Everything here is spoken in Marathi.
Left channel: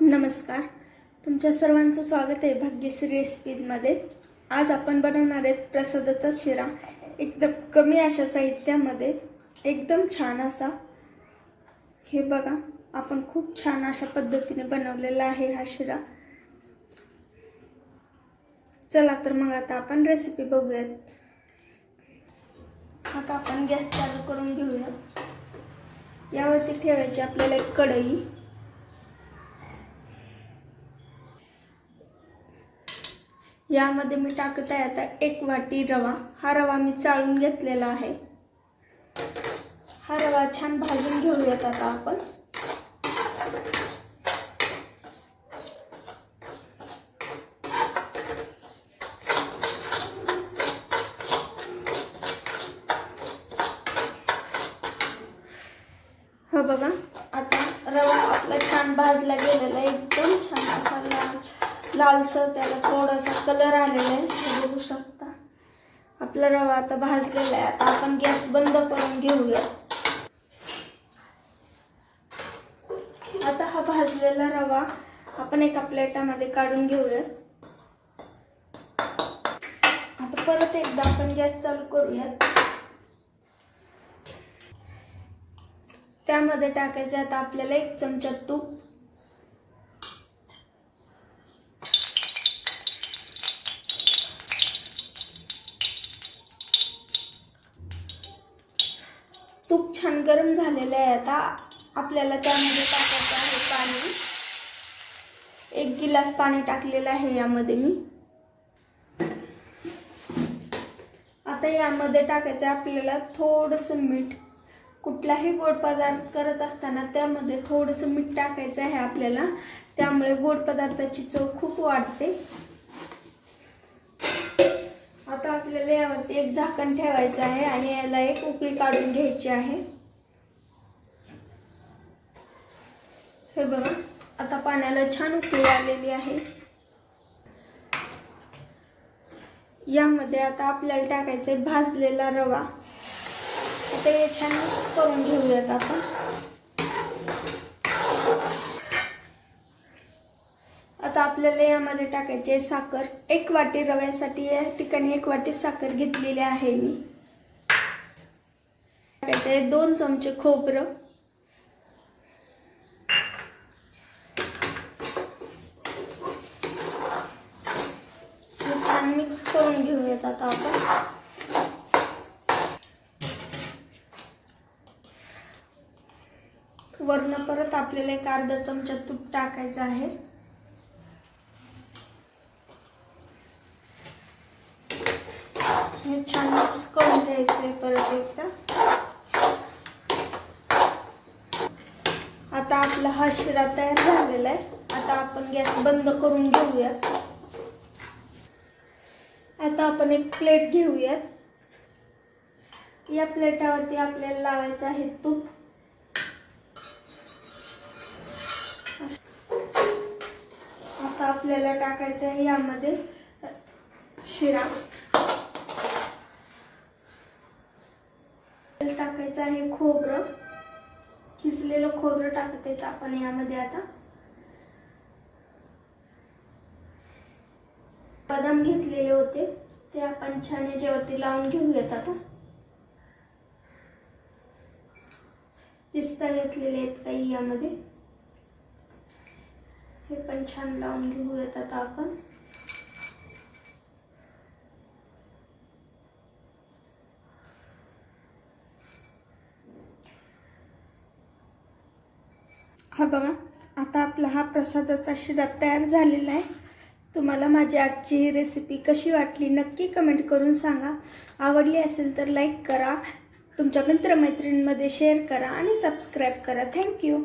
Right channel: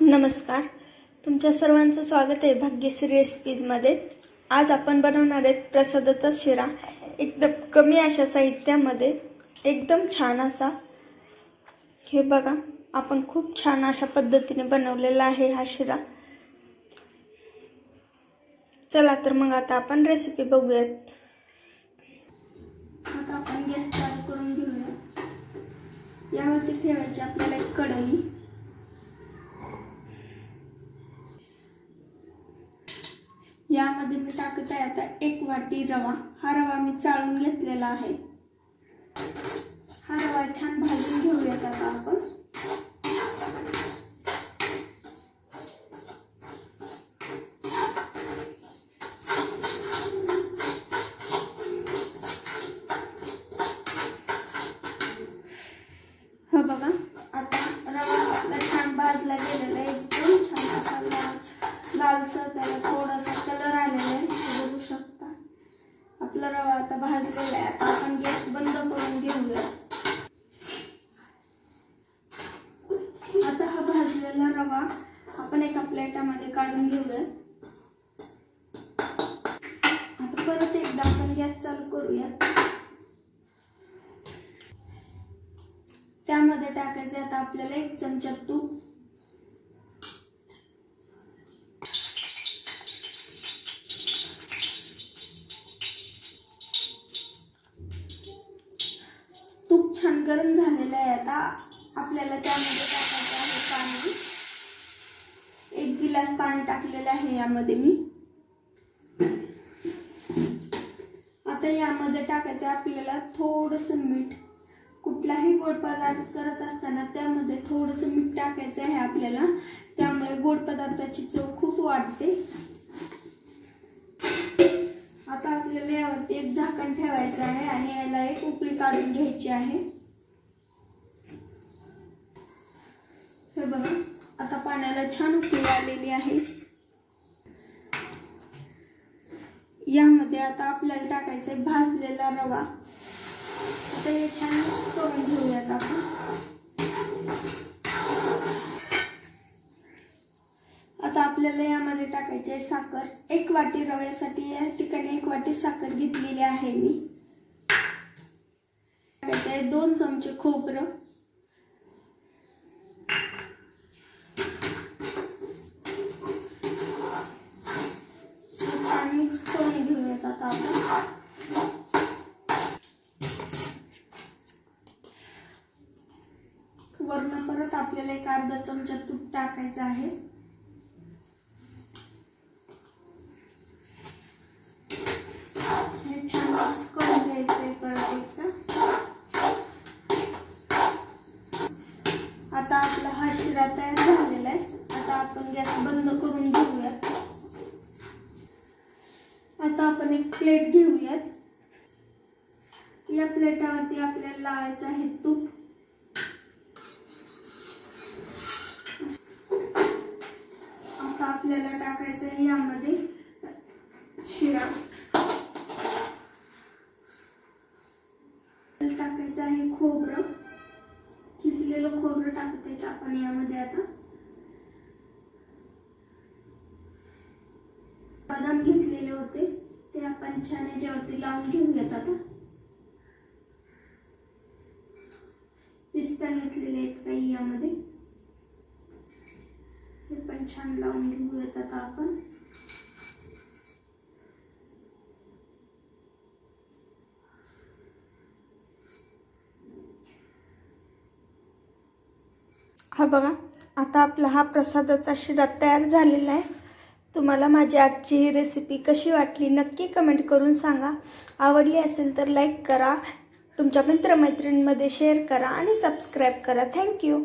नमस्कार, तुमच्या सर्वांचं स्वागत आहे भाग्यश्री रेसिपीजमध्ये। आज आपण बनवणार आहेत प्रसादाचा शिरा। एकदम कमी अशा साहित्यामध्ये एकदम छान असा, हे बघा, आपण खूप छान अशा पद्धतीने बनवलेला आहे हा शिरा। चला तर मग आता आपण रेसिपी बघूयात। आता आपण गॅस चालू करून घेऊया। यावरती ठेवायची आपल्याला एक कढई। यामध्ये मी टाकत आहे आता 1 वाटी रवा। हा रवा मी चाळून घेतलेला आहे। हा रवा छान भाजून घेऊयात आता आपण। हो बघा, आता रवा आपला छान भाजला गेलेला आहे। एकदम छान असा लालसर त्याला थोडासा कलर आलेला आहे, बघू शकता। आपला रवा आता भाजलेला आहे। आता आपण गॅस बंद करून घेऊया। आता हा भाजलेला रवा आपण एका प्लेटामध्ये काढून घेऊया। आता परत एकदा आपण गॅस चालू करूया। त्यामध्ये टाकायचे आता आपल्याला 1 चमचा तूप। तूप छान गरम झालेलं आहे। आता आपल्याला त्यामध्ये टाकायचं आहे पाणी। 1 गिलास पाणी टाकलेलं आहे यामध्ये मी। आता यामध्ये टाकायचं आहे आपल्याला थोडंसं मीठ। कुठलाही गोड पदार्थ करत असताना त्यामध्ये थोडंसं मीठ टाकायचं आहे आपल्याला, त्यामुळे गोड पदार्थाची चव खूप वाढते। आता आपल्याला यावरती एक झाकण ठेवायचं आहे आणि याला एक उकळी काढून घ्यायची आहे। हे बघा, आता पाण्याला छान उकळी आलेली आहे। यामध्ये आता आपल्याला टाकायचा आहे भाजलेला रवा। आता हे छान मिक्स करून घेऊयात आपण। आता आपल्याला यामध्ये टाकायची आहे साखर। 1 वाटी रव्यासाठी या ठिकाणी 1 वाटी साखर घेतलेली आहे मी। टाकायचं आहे 2 चमचे खोबरं। छान मिक्स करून घेऊयात आता आपण। वरून परत आपल्याला 1 अर्धा चमचा तूप टाकायचं आहे। हे छान मिक्स करून घ्यायचंय परत एकदा। आता आपला हा शिरा तयार झालेला आहे। आता आपण गॅस बंद करून घेऊयात। आता आपण एक प्लेट घेऊयात। या प्लेटावरती आपल्याला लावायचं आहे तूप। आता आपल्याला टाकायचं आहे यामध्ये शिरा। टाकायचं आहे खोबरं, किसलेलं खोबरं टाकते आपण यामध्ये। आता बदाम घेतलेले होते ते आपण छान याच्यावरती लावून घेऊयात। आता पिस्ता घेतलेले आहेत काही यामध्ये, हे पण छान लावून घेऊयात आता आपण। हा बघा, आता आपला हा प्रसादाचा शिरा तयार झालेला आहे। तुम्हाला माझी आजची ही रेसिपी कशी वाटली नक्की कमेंट करून सांगा। आवडली असेल तर लाईक करा, तुमच्या मित्रमैत्रिणींमध्ये शेअर करा आणि सबस्क्राईब करा। थँक्यू।